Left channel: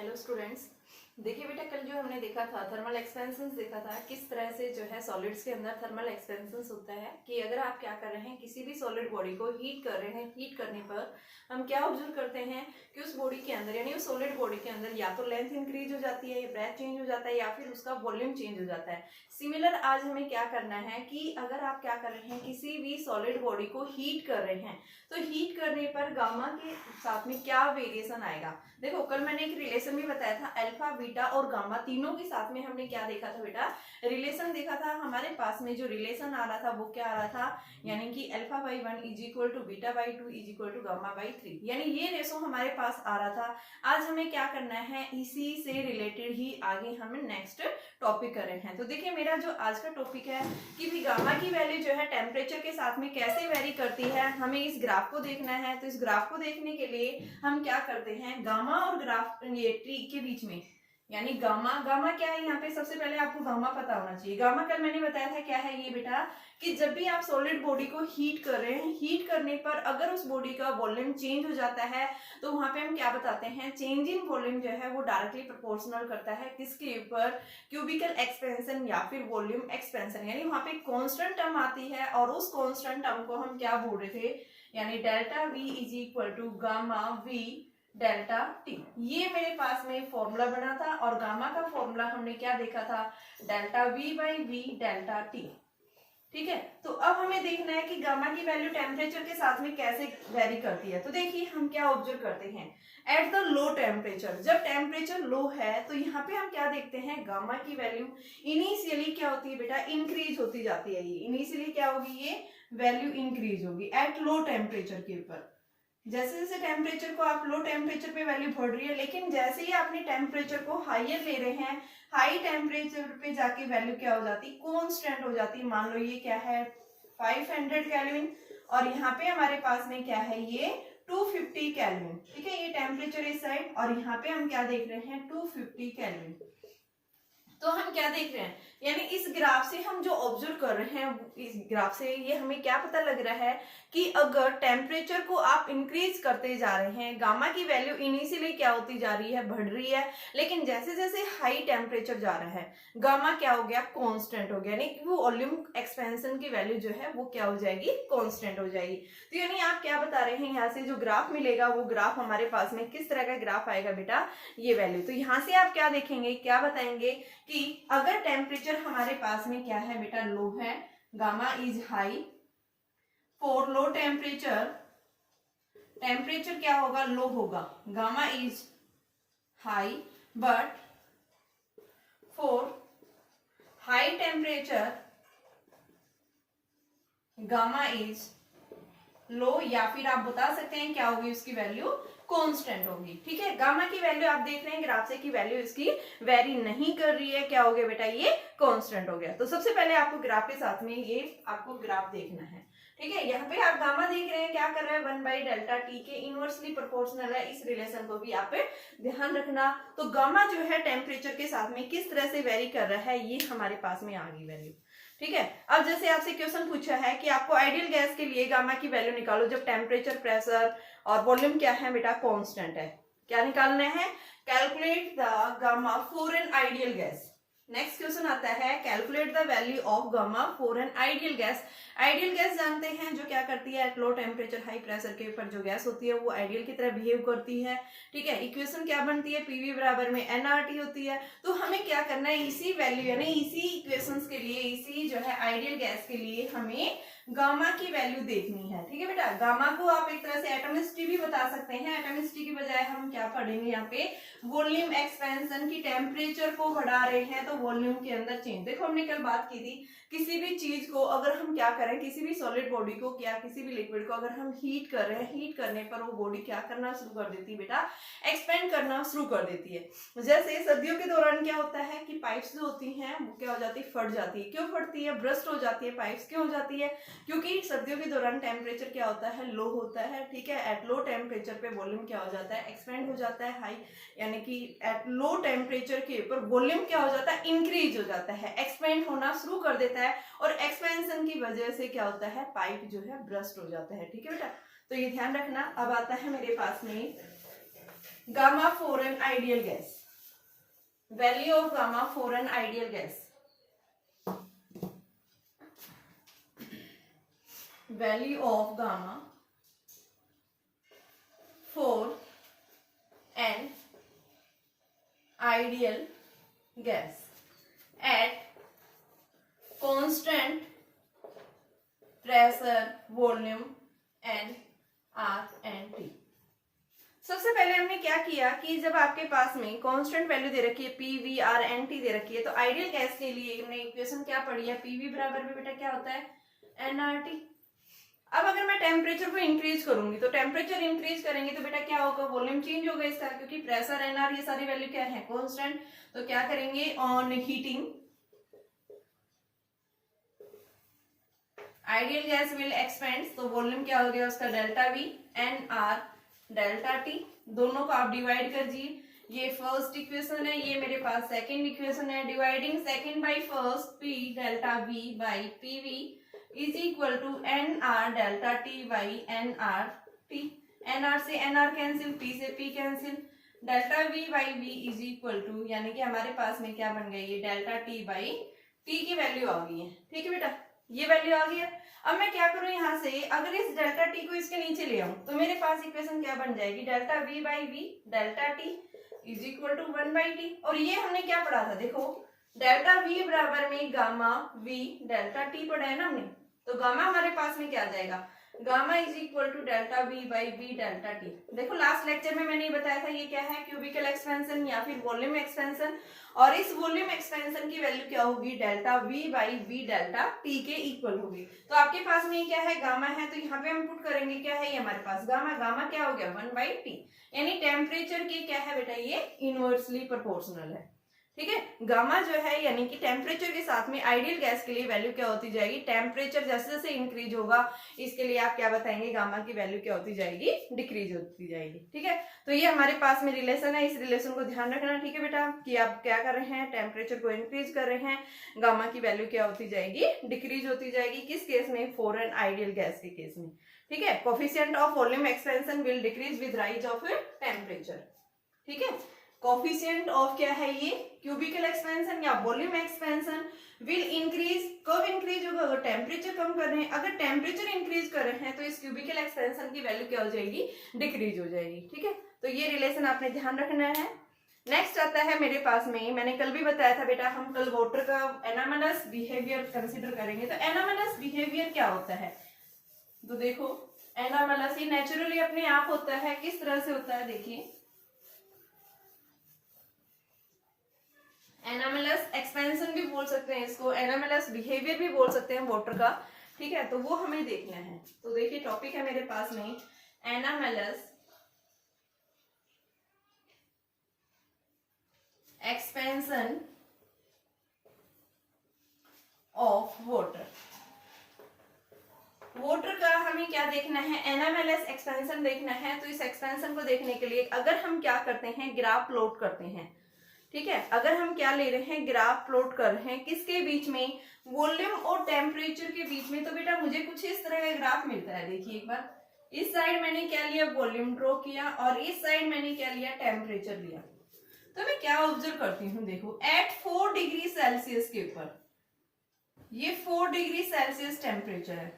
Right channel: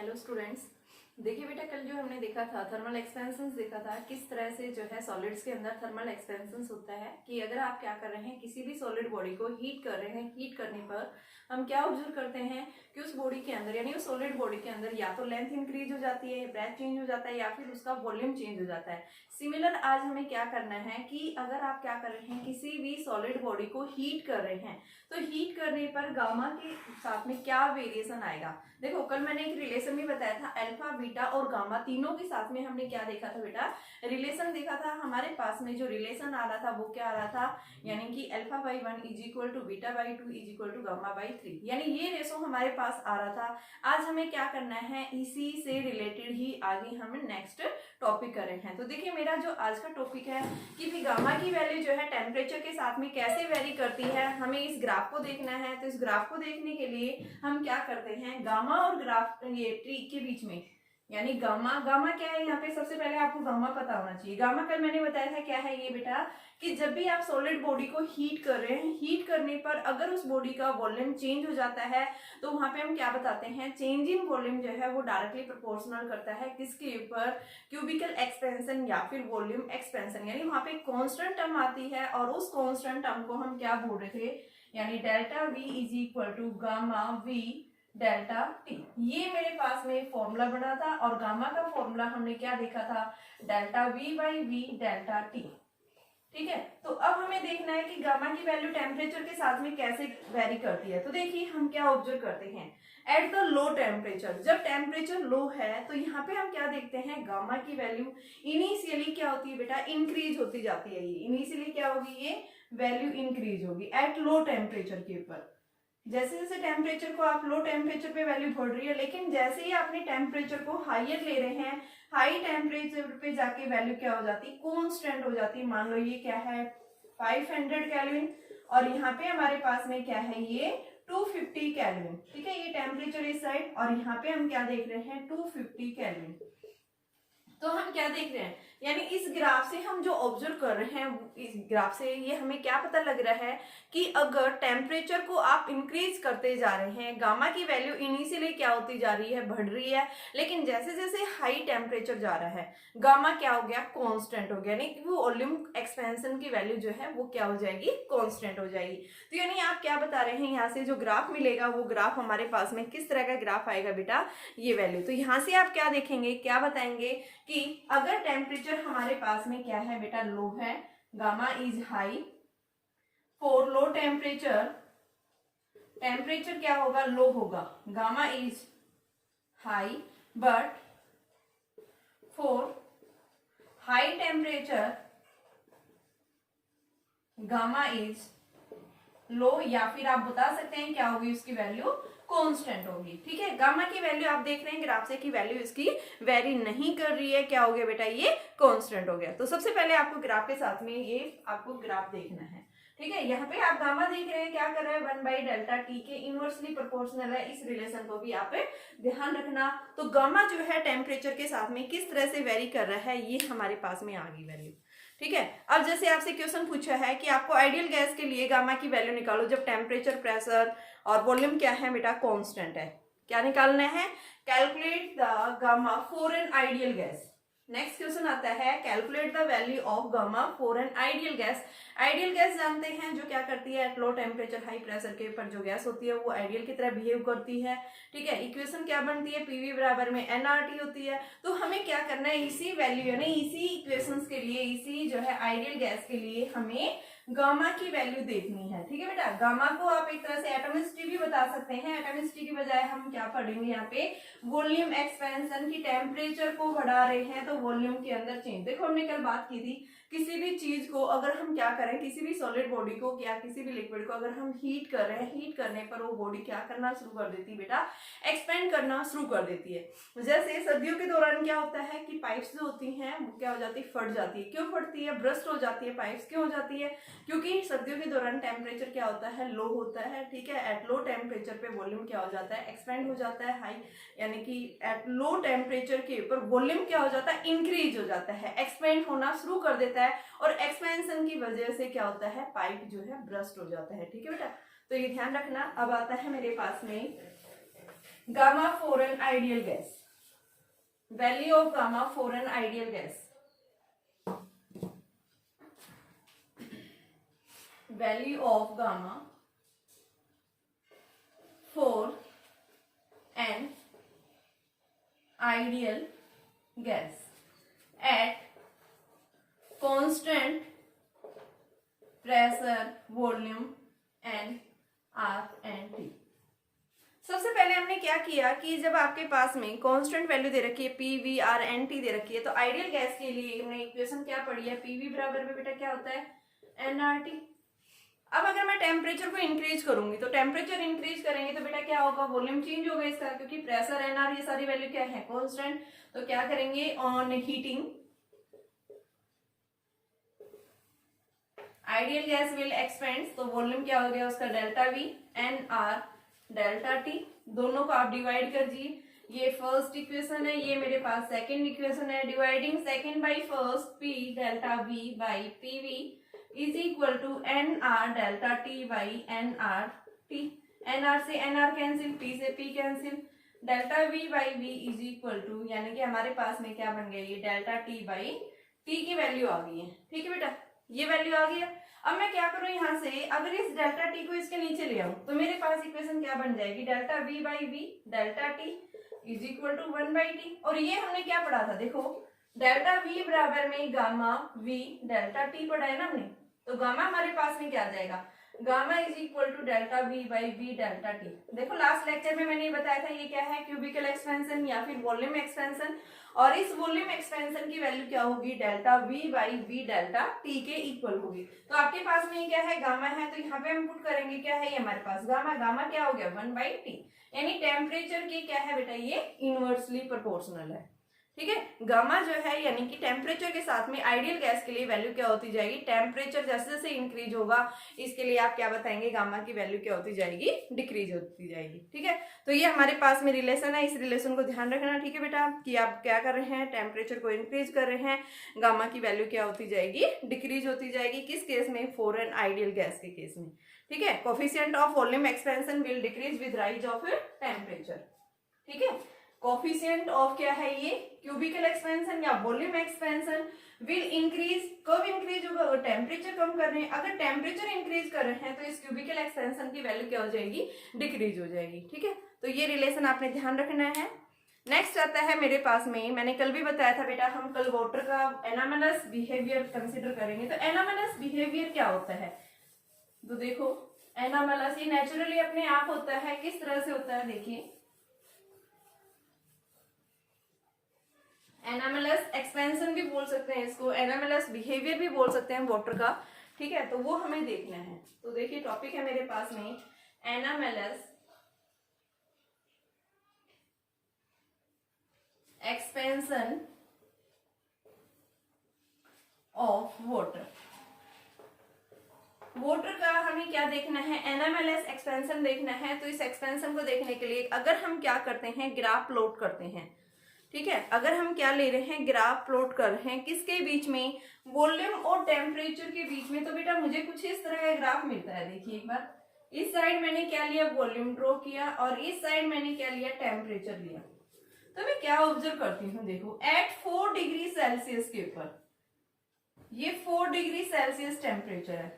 Hello students, देखिए बेटा, कल जो हमने देखा था थर्मल एक्सपेंशन देखा था, किस तरह से जो है सॉलिड्स के अंदर थर्मल एक्सपेंशन होता है कि अगर आप क्या कर रहे हैं, किसी भी सॉलिड बॉडी को हीट कर रहे हैं, हीट करने पर हम क्या ऑब्जर्व करते हैं कि उस बॉडी के अंदर यानी उस सॉलिड बॉडी के अंदर या तो लेंथ इंक्रीज हो जाती है, या ब्रेथ चेंज हो जाता है, या फिर उसका वॉल्यूम चेंज हो जाता है। सिमिलर आज हमें क्या करना है कि अगर आप क्या कर रहे हैं, किसी भी सॉलिड बॉडी को हीट कर रहे हैं, तो हीट करने पर गामा के साथ में क्या वेरिएशन आएगा। देखो, कल मैंने एक रिलेशन भी बताया था, अल्फा बीटा और गामा तीनों के साथ में हमने क्या देखा था बेटा, रिलेशन देखा था। हमारे पास में जो रिलेशन आ रहा था वो क्या आ रहा था, यानी कि alpha by 1 is equal to beta by 2 is equal to gamma by 3, यानी ये रेशो हमारे पास आ रहा था। आज हमें क्या करना है, इसी से रिलेटेड ही आगे हम नेक्स्ट टॉपिक कर रहे हैं। तो देखिए, मेरा जो आज का टॉपिक है कि भी गामा की वैल्यू जो है टेम्परेचर के साथ में कैसे वेरी करती है, हमें इस ग्राफ को देखना है। तो इस ग्राफ को देखने के लिए हम क्या करते हैं, गामा और ग्राफ ये ट्री के बीच में, यानी गामा क्या है, यहाँ पे सबसे पहले आपको गामा पता होना चाहिए। गामा कल मैंने बताया था क्या है ये बेटा, कि जब भी आप सॉलिड बॉडी को हीट कर रहे हैं, हीट करने पर अगर उस बॉडी का वॉल्यूम चेंज हो जाता है तो वहां पे हम क्या बताते हैं, चेंज इन वॉल्यूम जो है वो डायरेक्टली प्रोपोर्शनल करता है किसके ऊपर, क्यूबिकल एक्सपेंशन या फिर वॉल्यूम एक्सपेंशन। यानी वहां पे कांस्टेंट टर्म आती है और उस कांस्टेंट टर्म को हम क्या बोल रहे थे, यानी delta V is equal to gamma V delta T. ये मेरे पास में फॉर्मूला बना था और गामा का फॉर्मूला हमने क्या देखा था, delta V by V delta T. ठीक है, तो अब हमें देखना है कि गामा की वैल्यू टेम्परेचर के साथ में कैसे वेरी करती है। तो देखिए, हम क्या ऑब्जर्व करते हैं, एट द लो टेम्परेचर, जब टेम्परेचर लो है तो यहाँ पे हम क्या देखते हैं, गामा की वैल्यू इनिशियली क्या होती है बेटा, इंक्रीज होती जाती है। ये इनिशियली क्या होगी, ये वैल्यू इंक्रीज होगी एट लो टेम्परेचर के ऊपर। जैसे जैसे टेम्परेचर को आप लो टेम्परेचर पे वैल्यू बढ़ रही है, लेकिन जैसे ही आपने टेम्परेचर को हाइयर ले रहे हैं, हाई टेम्परेचर पे जाके वैल्यू क्या हो जाती है, कांस्टेंट हो जाती है। मान लो ये क्या है 500 केल्विन और यहाँ पे हमारे पास में क्या है, ये 250 केल्विन। ठीक है, ये टेम्परेचर इस साइड और यहाँ पे हम क्या देख रहे हैं, 250 केल्विन। तो हम क्या देख रहे हैं, यानी इस ग्राफ से हम जो ऑब्जर्व कर रहे हैं, इस ग्राफ से ये हमें क्या पता लग रहा है कि अगर टेम्परेचर को आप इंक्रीज करते जा रहे हैं, गामा की वैल्यू इनिशियली क्या होती जा रही है, बढ़ रही है, लेकिन जैसे जैसे हाई टेम्परेचर जा रहा है गामा क्या हो गया, कांस्टेंट हो गया, यानी कि वो वॉल्यूम एक्सपेंशन की वैल्यू जो है वो क्या हो जाएगी, कांस्टेंट हो जाएगी। तो यानी आप क्या बता रहे हैं, यहाँ से जो ग्राफ मिलेगा वो ग्राफ हमारे पास में किस तरह का ग्राफ आएगा बेटा, ये वैल्यू। तो यहाँ से आप क्या देखेंगे, क्या बताएंगे कि अगर टेम्परेचर हमारे पास में क्या है बेटा, लो है, gamma is high, for low temperature, temperature क्या होगा, लो होगा, gamma is high, but for high temperature gamma is low, या फिर आप बता सकते हैं क्या होगी उसकी वैल्यू, कांस्टेंट होगी। ठीक है, गामा की वैल्यू आप देख रहे हैं ग्राफ से कि वैल्यू इसकी वेरी नहीं कर रही है, क्या हो गया बेटा, ये कांस्टेंट हो गया। तो सबसे पहले आपको ग्राफ के साथ में ये आपको ग्राफ देखना है। ठीक है, यहाँ पे आप गामा देख रहे हैं, क्या कर रहा है, 1 बाई डेल्टा टी के इनवर्सली प्रोपोर्शनल है। इस रिलेशन को भी आप ध्यान रखना। तो गामा जो है टेम्परेचर के साथ में किस तरह से वेरी कर रहा है, ये हमारे पास में आ गई वैल्यू। ठीक है, अब जैसे आपसे क्वेश्चन पूछा है कि आपको आइडियल गैस के लिए गामा की वैल्यू निकालो जब टेम्परेचर, प्रेशर और वॉल्यूम क्या है बेटा, कांस्टेंट है। क्या निकालना है, calculate the gamma for an ideal gas. Next question आता है, calculate the value of gamma for an ideal gas. Ideal gas जानते हैं जो क्या करती है, at low temperature high pressure के ऊपर जो गैस होती है वो आइडियल की तरह बिहेव करती है। ठीक है, इक्वेशन क्या बनती है, पीवी बराबर में एनआरटी होती है। तो हमें क्या करना है, इसी वैल्यू यानी इसी इक्वेशंस के लिए, इसी जो है आइडियल गैस के लिए हमें गामा की वैल्यू देखनी है। ठीक है बेटा, गामा को आप एक तरह से एटॉमिसिटी भी बता सकते हैं। एटॉमिसिटी की बजाय हम क्या पढ़ेंगे यहाँ पे, वॉल्यूम एक्सपेंशन की, टेम्परेचर को बढ़ा रहे हैं तो वॉल्यूम के अंदर चेंज। देखो, हमने कल बात की थी, किसी भी चीज को अगर हम क्या करें, किसी भी सॉलिड बॉडी को या किसी भी लिक्विड को अगर हम हीट कर रहे हैं, हीट करने पर वो बॉडी क्या करना शुरू कर देती है बेटा, एक्सपेंड करना शुरू कर देती है। जैसे सर्दियों के दौरान क्या होता है कि पाइप्स जो होती हैं वो क्या हो जाती है, फट जाती है। क्यों फटती है, ब्रस्ट हो जाती है पाइप्स, क्यों हो जाती है, क्योंकि सर्दियों के दौरान टेम्परेचर क्या होता है, लो होता है। ठीक है, एट लो टेम्परेचर पे वॉल्यूम क्या हो जाता है, एक्सपेंड हो जाता है, हाई, यानी कि एट लो टेम्परेचर के ऊपर वॉल्यूम क्या हो जाता है, इंक्रीज हो जाता है, एक्सपेंड होना शुरू कर देता है और एक्सपेंशन की वजह से क्या होता है, पाइप जो है ब्रस्ट हो जाता है। ठीक है बेटा, तो ये ध्यान रखना। अब आता है मेरे पास में gamma for an ideal gas, value of gamma for an ideal gas, value of gamma for an ideal gas at constant pressure, volume and R and T। सबसे पहले हमने क्या किया कि जब आपके पास में कांस्टेंट वैल्यू दे रखी है P V R N T दे रखी है, तो आइडियल गैस के लिए हमने इक्वेशन क्या पढ़ी है, पी वी बराबर में बेटा क्या होता है, एन आर टी। अब अगर मैं टेम्परेचर को इंक्रीज करूंगी तो टेम्परेचर इंक्रीज करेंगे तो बेटा क्या होगा, वॉल्यूम चेंज होगा इसका, क्योंकि प्रेशर एन आर ये सारी वैल्यू क्या है, कांस्टेंट। तो क्या करेंगे, on heating ideal gas will expand, तो वॉल्यूम क्या हो गया उसका, delta V N R delta T, दोनों को आप डिवाइड कर दीजिए। ये फर्स्ट इक्वेशन है, ये मेरे पास सेकंड इक्वेशन है। Dividing second by first, P delta V by P V is equal to N R delta T by N R T. N R से एन आर कैंसिल, पी से P cancel, delta V by V is equal to, यानी कि हमारे पास में क्या बन गया, ये डेल्टा टी बाई टी की वैल्यू आ गई है। ठीक है बेटा, ये वैल्यू आ गई है। अब मैं क्या करूं, यहां से अगर इस डेल्टा टी को इसके नीचे ले आऊं तो मेरे पास इक्वेशन क्या बन जाएगी, delta V by V delta T is equal to 1/t। और ये हमने क्या पढ़ा था, देखो डेल्टा वी बराबर में गामा वी डेल्टा टी पढ़ा है ना हमने, तो गामा हमारे पास में क्या आ जाएगा, gamma is equal to delta V by V delta T. देखो लास्ट लेक्चर में मैंने बताया था ये क्या है, क्यूबिकल एक्सपेंशन या फिर वॉल्यूम एक्सपेंशन, और इस वॉल्यूम एक्सपेंशन की वैल्यू क्या होगी, delta V by V delta T के इक्वल होगी। तो आपके पास में क्या है, गामा है, तो यहाँ पे हम पुट करेंगे क्या है, ये हमारे पास गामा, गामा क्या हो गया 1/t, यानी टेम्परेचर की क्या है बेटा, ये इनवर्सली प्रोपोर्शनल है। ठीक है, गामा जो है यानी कि टेम्परेचर के साथ में आइडियल गैस के लिए वैल्यू क्या होती जाएगी, टेम्परेचर जैसे जैसे इंक्रीज होगा इसके लिए आप क्या बताएंगे, गामा की वैल्यू क्या होती जाएगी, डिक्रीज होती जाएगी। ठीक है, तो ये हमारे पास में रिलेशन है, इस रिलेशन को ध्यान रखना। ठीक है बेटा, कि आप क्या कर रहे हैं, टेम्परेचर को इंक्रीज कर रहे हैं, गामा की वैल्यू क्या होती जाएगी, डिक्रीज होती जाएगी। किस केस में, फॉर एन आइडियल गैस के केस में। ठीक है, coefficient of volume expansion will decrease with rise of temperature. ठीक है, कोफिशिएंट ऑफ क्या है ये, क्यूबिकल एक्सपेंशन या वॉल्यूम एक्सपेंशन विल इंक्रीज, कब इंक्रीज होगा, अगर टेम्परेचर कम कर रहे हैं, अगर टेम्परेचर इंक्रीज कर रहे हैं तो इस क्यूबिकल एक्सपेंशन की वैल्यू क्या हो जाएगी, डिक्रीज हो जाएगी। ठीक है, तो ये रिलेशन आपने ध्यान रखना है। नेक्स्ट आता है मेरे पास में, मैंने कल भी बताया था बेटा, हम कल वाटर का एनामलस बिहेवियर कंसिडर करेंगे। तो एनामलस बिहेवियर क्या होता है, तो देखो एनामलस ये नेचुरली अपने आप होता है, किस तरह से होता है, देखिए एनामलस एक्सपेंशन भी बोल सकते हैं इसको, एनामलस बिहेवियर भी बोल सकते हैं वाटर का। ठीक है, तो वो हमें देखना है। तो देखिए टॉपिक है मेरे पास में anomalous expansion of water. Water का हमें क्या देखना है, एनामलस एक्सपेंशन देखना है। तो इस एक्सपेंशन को देखने के लिए अगर हम क्या करते हैं, ग्राफ प्लॉट करते हैं। ठीक है, अगर हम क्या ले रहे हैं, ग्राफ प्लॉट कर रहे हैं, किसके बीच में, वॉल्यूम और टेम्परेचर के बीच में। तो बेटा मुझे कुछ इस तरह का ग्राफ मिलता है। देखिए एक बार, इस साइड मैंने क्या लिया, वॉल्यूम ड्रॉ किया, और इस साइड मैंने क्या लिया, टेम्परेचर लिया। तो मैं क्या ऑब्जर्व करती हूँ, देखो एट 4 डिग्री सेल्सियस के ऊपर, ये 4 डिग्री सेल्सियस टेम्परेचर है।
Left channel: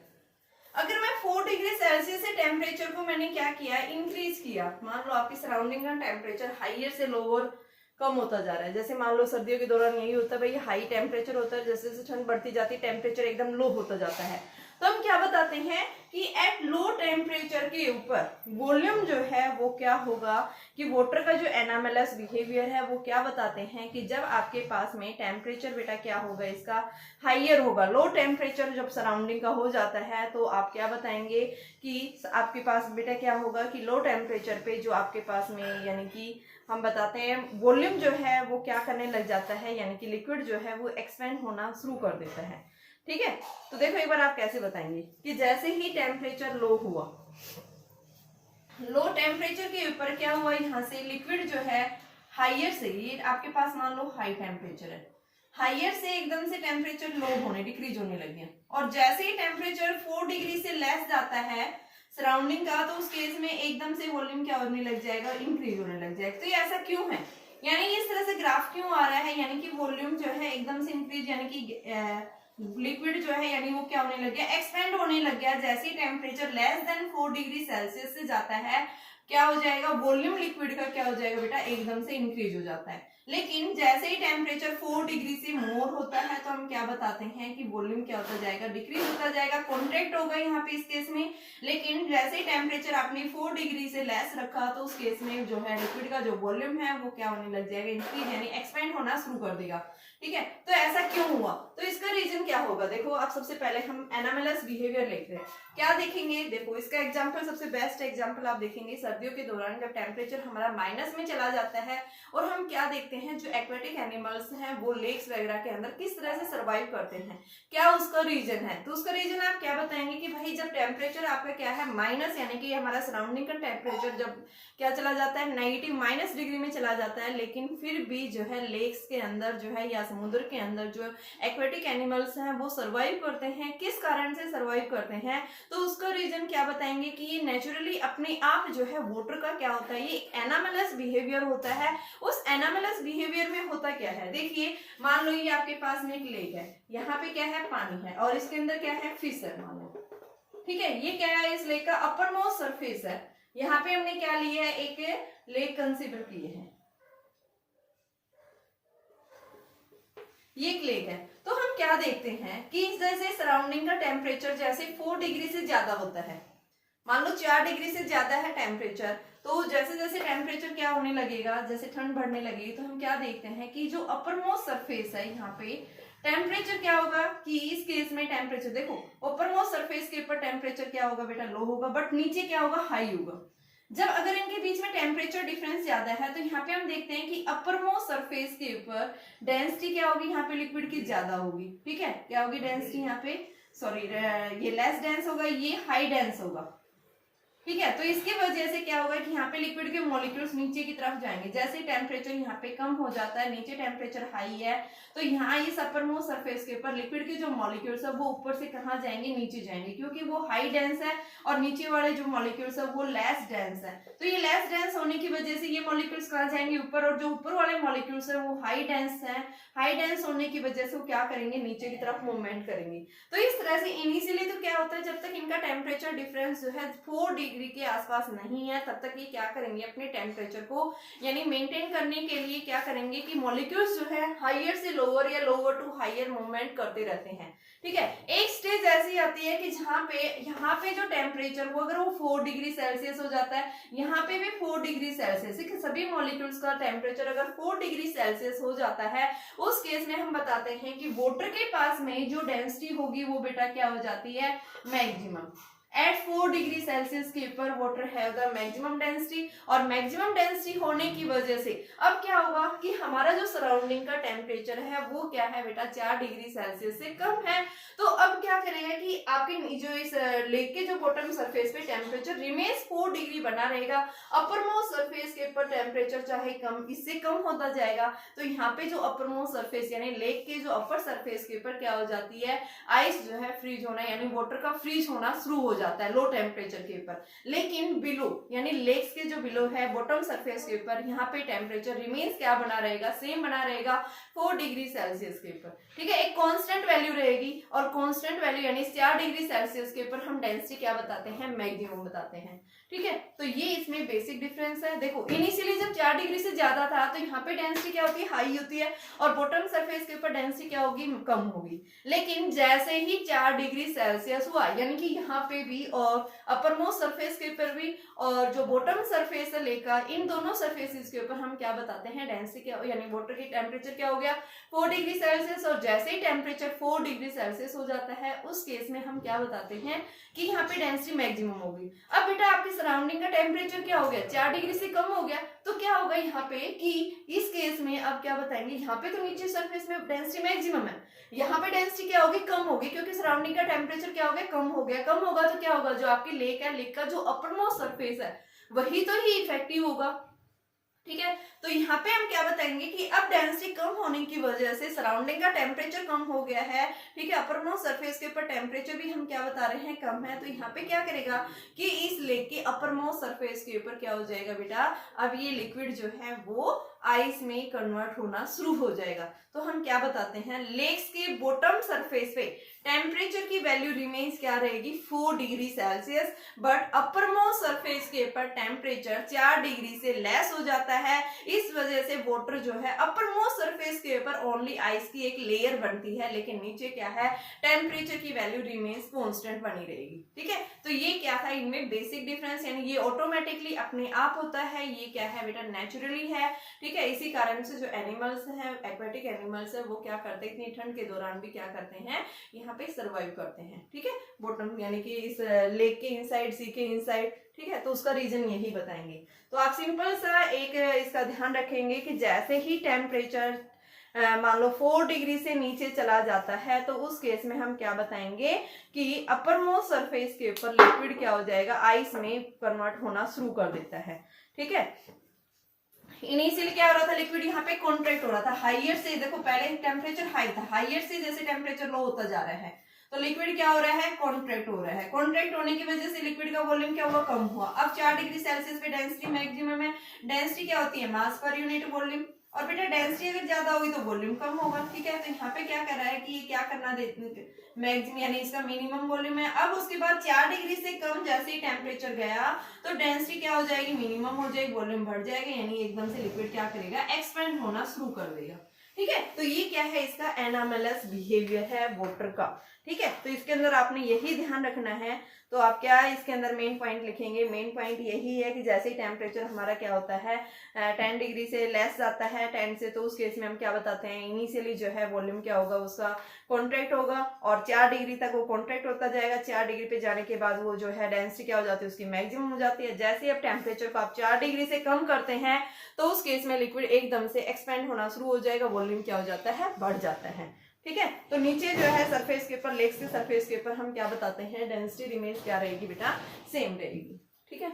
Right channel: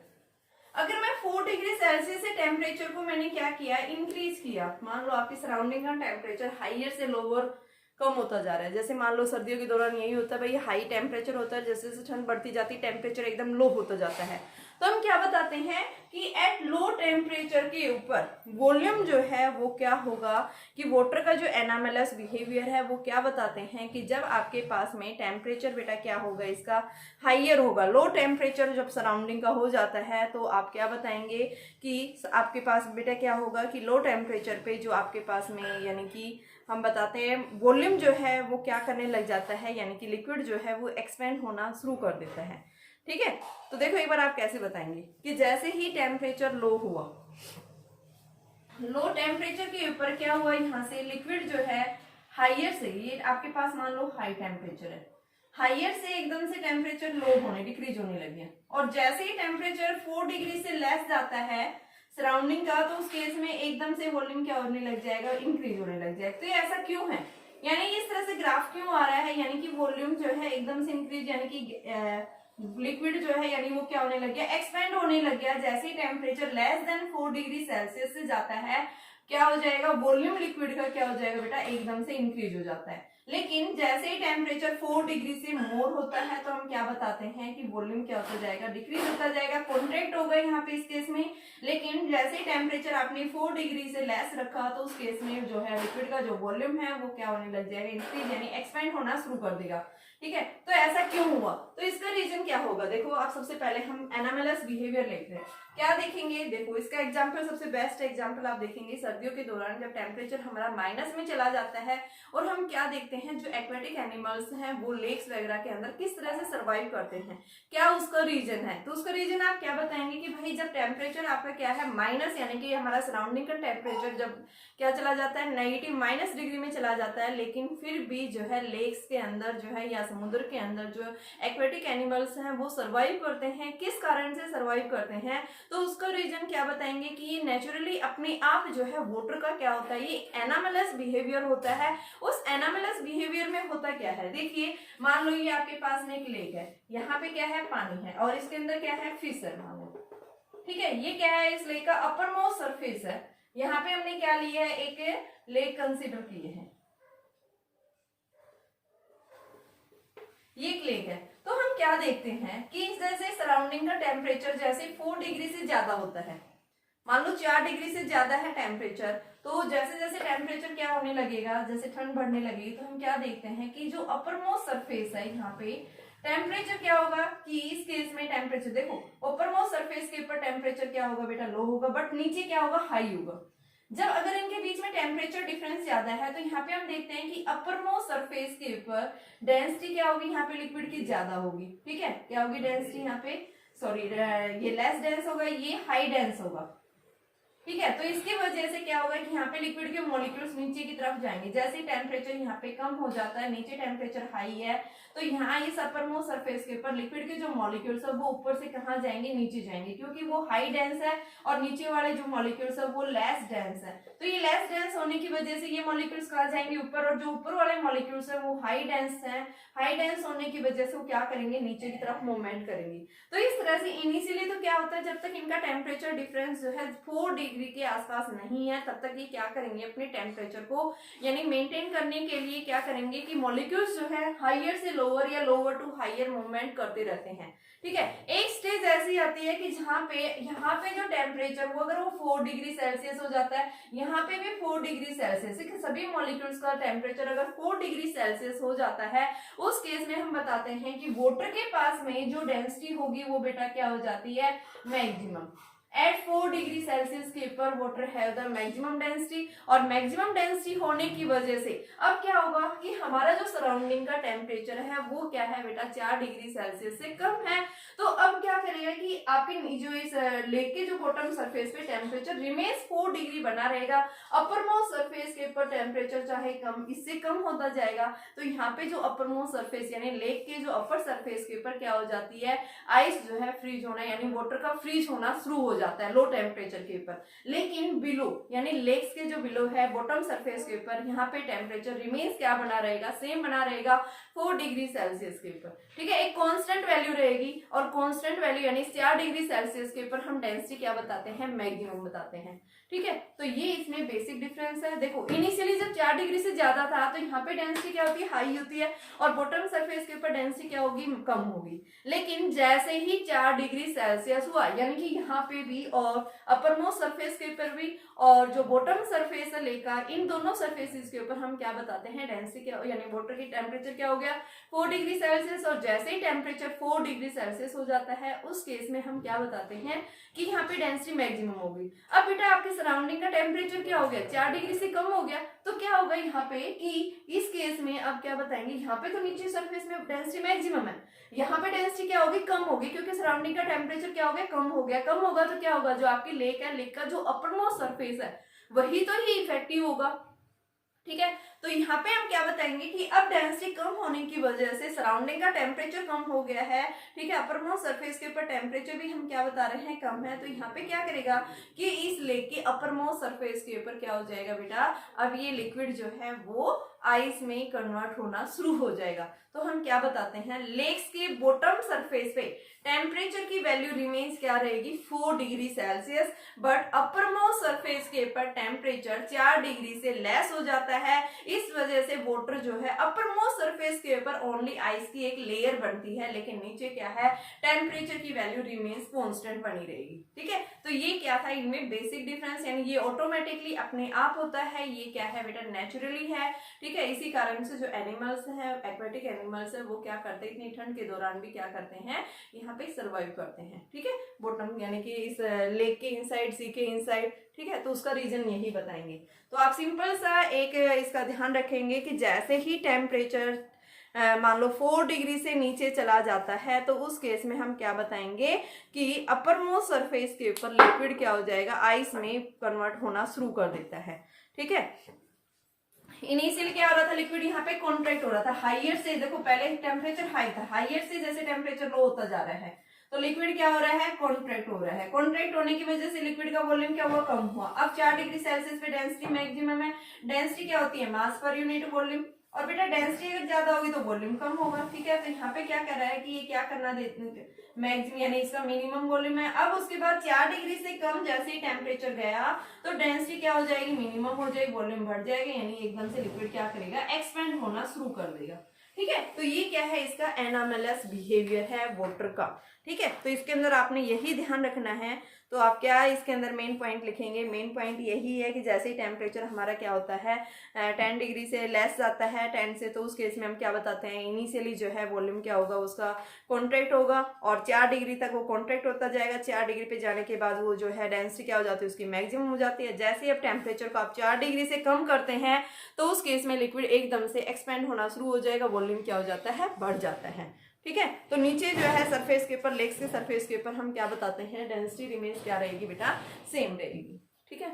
अगर मैं 4 डिग्री सेल्सियस से टेम्परेचर को मैंने क्या किया, इंक्रीज किया, मान लो आपकी सराउंडिंग का टेम्परेचर हाइयर से लोअर कम होता जा रहा है। जैसे मान लो सर्दियों के दौरान यही होता है भाई, हाई टेम्परेचर होता है, जैसे जैसे ठंड बढ़ती जाती है टेम्परेचर एकदम लो होता जाता है। तो हम क्या बताते हैं कि एट लो टेम्परेचर के ऊपर वॉल्यूम जो है वो क्या होगा, कि वाटर का जो एनामलस बिहेवियर है वो क्या बताते हैं कि जब आपके पास में टेम्परेचर बेटा क्या होगा, इसका हाइयर होगा, लो टेम्परेचर जब सराउंडिंग का हो जाता है तो आप क्या बताएंगे कि आपके पास बेटा क्या होगा, कि लो टेम्परेचर पे जो आपके पास में यानी कि हम बताते हैं वॉल्यूम जो है वो क्या करने लग जाता है, यानी कि लिक्विड जो है वो एक्सपेंड होना शुरू कर देता है। ठीक है, तो देखो एक बार आप कैसे बताएंगे कि जैसे ही टेम्परेचर लो हुआ, लो टेम्परेचर के ऊपर क्या हुआ, यहाँ से लिक्विड जो है हाइयर से, ये आपके पास मान लो हाई टेम्परेचर है, हाइयर से एकदम से टेम्परेचर लो होने, डिक्रीज होने लग गया। और जैसे ही टेम्परेचर 4 डिग्री से लेस जाता है, सराउंडिंग का, तो उस केस में एकदम से वॉल्यूम क्या होने लग जाएगा, इंक्रीज होने लग जाएगा। तो ये ऐसा क्यों है, यानी इस तरह से ग्राफ क्यों आ रहा है, यानी कि वॉल्यूम जो है एकदम से इंक्रीज, यानी कि लिक्विड जो है यानी वो क्या होने लग गया, एक्सपेंड होने लग गया। जैसे ही temperature less than 4 degree Celsius से जाता है, क्या हो जाएगा, वॉल्यूम लिक्विड का क्या हो जाएगा बेटा, एकदम से इंक्रीज हो जाता है। लेकिन जैसे ही टेम्परेचर 4 डिग्री से मोर होता है तो हम क्या बताते हैं कि वॉल्यूम क्या होता जाएगा, डिक्रीज होता जाएगा, कॉन्ट्रैक्ट होगा यहाँ पे इस केस में। लेकिन जैसे ही टेम्परेचर आपने 4 डिग्री से लेस रखा तो उस केस में जो है लिक्विड का जो वॉल्यूम है वो क्या होने लग जाएगा, इंक्रीज यानी एक्सपेंड होना शुरू कर देगा। ठीक है, तो ऐसा क्यों हुआ, तो इसका रीजन क्या होगा। देखो आप सबसे पहले हम एनामेलस बिहेवियर लिख रहे हैं, क्या देखेंगे, देखो इसका एग्जांपल, सबसे बेस्ट एग्जांपल आप देखेंगे सर्दियों के दौरान जब टेम्परेचर हमारा माइनस में चला जाता है और हम क्या देखते हैं, जो एक्वेटिक एनिमल्स हैं वो लेक्स वगैरह के अंदर किस तरह से सर्वाइव करते हैं, क्या उसका रीजन है। तो उसका रीजन आप क्या बताएंगे कि भाई जब टेम्परेचर आपका क्या है माइनस, यानी कि हमारा सराउंडिंग का टेम्परेचर जब क्या चला जाता है, नेगेटिव माइनस डिग्री में चला जाता है, लेकिन फिर भी जो है लेक्स के अंदर जो है या समुद्र के अंदर जो एक्वेटिक एनिमल्स हैं वो सर्वाइव करते हैं। किस कारण से सर्वाइव करते हैं, तो उसका रीजन क्या बताएंगे कि ये नेचुरली अपने आप जो है वाटर का क्या होता है, ये एनामेलस बिहेवियर होता है। उस एनामेलस बिहेवियर में होता क्या है, देखिए मान लो ये आपके पास में एक लेक है, यहाँ पे क्या है, पानी है और इसके अंदर क्या है, फिश है मान लो। ठीक है, ये क्या है, इस लेक का अपर मोस्ट सरफेस है। यहाँ पे हमने क्या लिया है, एक लेक कंसीडर किए हैं, ये एक लेक है। तो हम क्या देखते हैं कि जैसे सराउंडिंग का टेम्परेचर जैसे 4 डिग्री से ज्यादा होता है, मान लो 4 डिग्री से ज्यादा है टेम्परेचर, तो जैसे जैसे टेम्परेचर क्या होने लगेगा, जैसे ठंड बढ़ने लगेगी, तो हम क्या देखते हैं कि जो अपर मोस्ट सरफेस है यहाँ पे टेम्परेचर क्या होगा, कि इस केस में टेम्परेचर देखो अपर मोस्ट सरफेस के ऊपर टेम्परेचर क्या होगा बेटा, लो होगा, बट नीचे क्या होगा, हाई होगा। जब अगर इनके बीच में टेम्परेचर डिफरेंस ज्यादा है तो यहाँ पे हम देखते हैं कि अपर मोस्ट सरफेस के ऊपर डेंसिटी क्या होगी, यहाँ पे लिक्विड की ज्यादा होगी। ठीक है, क्या होगी डेंसिटी यहाँ पे, सॉरी ये लेस डेंस होगा, ये हाई डेंस होगा। ठीक है, तो इसकी वजह से क्या होगा कि यहाँ पे लिक्विड के मॉलिक्यूल्स नीचे की तरफ जाएंगे। जैसे टेम्परेचर यहाँ पे कम हो जाता है, नीचे टेम्परेचर हाई है, तो यहाँ इस अपर मोस्ट सरफेस के ऊपर लिक्विड के जो मॉलिक्यूल्स है वो ऊपर से कहाँ जाएंगे, नीचे जाएंगे, क्योंकि वो हाई डेंस है और नीचे वाले जो मॉलिक्यूल्स है वो लेस डेंस है। तो ये लेस डेंस होने की वजह से ये मॉलिक्यूल्स कहाँ जाएंगे, ऊपर, और जो ऊपर वाले मॉलिक्यूल्स है वो हाई डेंस है। हाई डेंस होने की वजह से वो क्या करेंगे, नीचे की तरफ मूवमेंट करेंगे। तो इस तरह से इनिशियली तो क्या होता है, जब तक इनका टेम्परेचर डिफरेंस जो है 4 डिग्री के आसपास नहीं है तब तक ये क्या करेंगे, अपने टेम्परेचर को यानी मेंटेन करने के लिए क्या करेंगे कि मॉलिक्यूल्स जो है हायर से लोअर या लोअर टू हायर मूवमेंट करते रहते हैं। ठीक है, एक स्टेज ऐसी आती है कि जहाँ पे यहाँ पे जो टेम्परेचर वो अगर वो 4 डिग्री सेल्सियस हो जाता है, यहाँ पे भी 4 डिग्री सेल्सियस, सभी मॉलिक्यूल्स का टेम्परेचर अगर 4 डिग्री सेल्सियस हो जाता है, उस केस में हम बताते हैं कि वाटर के पास में जो डेंसिटी होगी वो बेटा क्या हो जाती है, मैक्सिमम। एट 4 डिग्री सेल्सियस के ऊपर water have the maximum density, और मैक्सिमम डेंसिटी होने की वजह से अब क्या होगा कि हमारा जो सराउंडिंग का टेम्परेचर है वो क्या है बेटा, 4 डिग्री सेल्सियस से कम है। तो अब क्या करेगा कि आपके जो इस लेक के जो बॉटम सरफेस पे टेम्परेचर रिमेन्स 4 डिग्री बना रहेगा, अपर मोस्ट सरफेस के ऊपर टेम्परेचर चाहे कम, इससे कम होता जाएगा। तो यहाँ पे जो अपर मोस्ट सरफेस यानी लेक के जो अपर सरफेस के ऊपर क्या हो जाती है, आइस जो है फ्रीज होना यानी वाटर का फ्रीज होना शुरू हो जाता है लो टेम्परेचर के ऊपर। लेकिन बिलो यानी लेक्स के जो बिलो है बॉटम सरफेस के ऊपर, यहाँ पे टेम्परेचर रिमेन्स क्या बना रहेगा, सेम बना रहेगा 4 डिग्री सेल्सियस के ऊपर। ठीक है, एक कांस्टेंट वैल्यू रहेगी, और कांस्टेंट वैल्यू यानी 4 डिग्री सेल्सियस के ऊपर हम डेंसिटी क्या बताते हैं, मैक्सिमम बताते हैं। ठीक है, तो ये इसमें बेसिक डिफरेंस है। देखो इनिशियली जब 4 डिग्री से ज्यादा था तो यहाँ पे डेंसिटी क्या होती है, हाई होती है, और बॉटम सरफेस के ऊपर डेंसिटी क्या होगी, कम होगी। लेकिन जैसे ही 4 डिग्री सेल्सियस हुआ, यानी कि यहाँ पे भी और अपर मोस्ट सरफेस के ऊपर भी और जो बॉटम सरफेस है लेकर, इन दोनों सरफेसेस के ऊपर हम क्या बताते हैं, डेंसिटी क्या यानी वाटर की टेम्परेचर क्या हो गया, 4 डिग्री सेल्सियस। और जैसे ही टेम्परेचर 4 डिग्री सेल्सियस हो जाता है उस केस में हम क्या बताते हैं कि यहाँ पे डेंसिटी मैक्सिमम होगी। अब बेटा आपके सराउंडिंग का टेम्परेचर क्या हो गया, 4 डिग्री से कम हो गया, तो क्या होगा यहाँ पे कि इस केस में अब क्या बताएंगे, यहाँ पे तो नीचे सरफेस में डेंसिटी मैक्सिमम है, यहाँ पे डेंसिटी क्या होगी, कम होगी, क्योंकि सराउंडिंग का टेम्परेचर क्या हो गया, कम हो गया। कम होगा तो क्या होगा, जो आपकी लेक है, लेक का जो अपर मोस्ट सरफेस है वही तो ही इफेक्टिव होगा। ठीक है। तो यहाँ पे हम क्या बताएंगे कि अब डेंसिटी कम होने की वजह से सराउंडिंग का टेम्परेचर कम हो गया है, ठीक है। अपर मोस्ट सरफेस के ऊपर टेम्परेचर भी हम क्या बता रहे हैं, कम है। तो यहाँ पे क्या करेगा कि इस लेक के अपर मोस्ट सरफेस के ऊपर क्या हो जाएगा बेटा, अब ये लिक्विड जो है वो आइस में कन्वर्ट होना शुरू हो जाएगा। तो हम क्या बताते हैं, लेक्स के बॉटम सरफेस पे टेम्परेचर की वैल्यू रिमेन्स क्या रहेगी 4 degree Celsius, but upper most surface के ऊपर टेम्परेचर 4 डिग्री से लेस हो जाता है। इस वजह से वाटर जो है अपर मोस्ट सरफेस के ऊपर ओनली आइस की एक लेयर बनती है, लेकिन नीचे क्या है, टेम्परेचर की वैल्यू रिमेन्स कांस्टेंट बनी रहेगी, ठीक है। तो ये क्या था इनमें बेसिक डिफरेंस, यानी ये ऑटोमेटिकली अपने आप होता है, ये क्या है बेटा नेचुरली है, ठीक है। इसी कारण से जो एनिमल्स है, एक्वेटिक एनिमल्स है, वो क्या करते हैं, इतनी ठंड के दौरान भी क्या करते हैं, यहाँ पे सर्वाइव करते हैं, ठीक है। बॉटम यानी कि इस लेक के इनसाइड, सी के इनसाइड, ठीक है। तो उसका रीजन यही बताएंगे। तो आप सिंपल सा एक इसका ध्यान रखेंगे कि जैसे ही टेम्परेचर मान लो 4 डिग्री से नीचे चला जाता है, तो उस केस में हम क्या बताएंगे कि अपर मोस्ट सरफेस के ऊपर लिक्विड क्या हो जाएगा, आइस में कन्वर्ट होना शुरू कर देता है, ठीक है। इनिशियली क्या हो रहा था, लिक्विड यहाँ पे कॉन्ट्रैक्ट हो रहा था, हाइयर से, देखो पहले टेम्परेचर हाई था, हाइयर से जैसे टेम्परेचर लो होता जा रहा है, तो लिक्विड क्या हो रहा है, कॉन्ट्रैक्ट हो रहा है। कॉन्ट्रैक्ट होने की वजह से लिक्विड का वॉल्यूम क्या हुआ, कम हुआ। अब 4 डिग्री सेल्सियस पे डेंसिटी मैक्सिमम है। डेंसिटी क्या होती है, मास पर यूनिट वॉल्यूम, और बेटा डेंसिटी अगर ज्यादा होगी तो वॉल्यूम कम होगा, ठीक है। तो यहाँ पे क्या कर रहा है कि ये क्या करना देते, मैक्सिमम यानी इसका मिनिमम वॉल्यूम है। अब उसके बाद 4 डिग्री से कम जैसे ही टेम्परेचर गया तो डेंसिटी क्या हो जाएगी, मिनिमम हो जाएगी, वॉल्यूम बढ़ जाएगा, यानी एकदम से लिक्विड क्या करेगा, एक्सपेंड होना शुरू कर देगा, ठीक है। तो ये क्या है, इसका एनामेलस बिहेवियर है वाटर का, ठीक है। तो इसके अंदर आपने यही ध्यान रखना है। तो आप क्या इसके अंदर मेन पॉइंट लिखेंगे, मेन पॉइंट यही है कि जैसे ही टेम्परेचर हमारा क्या होता है 10 डिग्री से लेस जाता है 10 से, तो उस केस में हम क्या बताते हैं, इनिशियली जो है वॉल्यूम क्या होगा, उसका कॉन्ट्रैक्ट होगा, और 4 डिग्री तक वो कॉन्ट्रैक्ट होता जाएगा। 4 डिग्री पे जाने के बाद वो जो है डेंसिटी क्या हो जाती है, उसकी मैक्सिमम हो जाती है। जैसे ही अब टेम्परेचर को आप 4 डिग्री से कम करते हैं, तो उस केस में लिक्विड एकदम से एक्सपेंड होना शुरू हो जाएगा, वॉल्यूम क्या हो जाता है, बढ़ जाता है, ठीक है। तो नीचे जो है सरफेस के ऊपर, लेक्स के सरफेस के ऊपर हम क्या बताते हैं, डेंसिटी रिमेन्स क्या रहेगी बेटा, सेम रहेगी, ठीक है।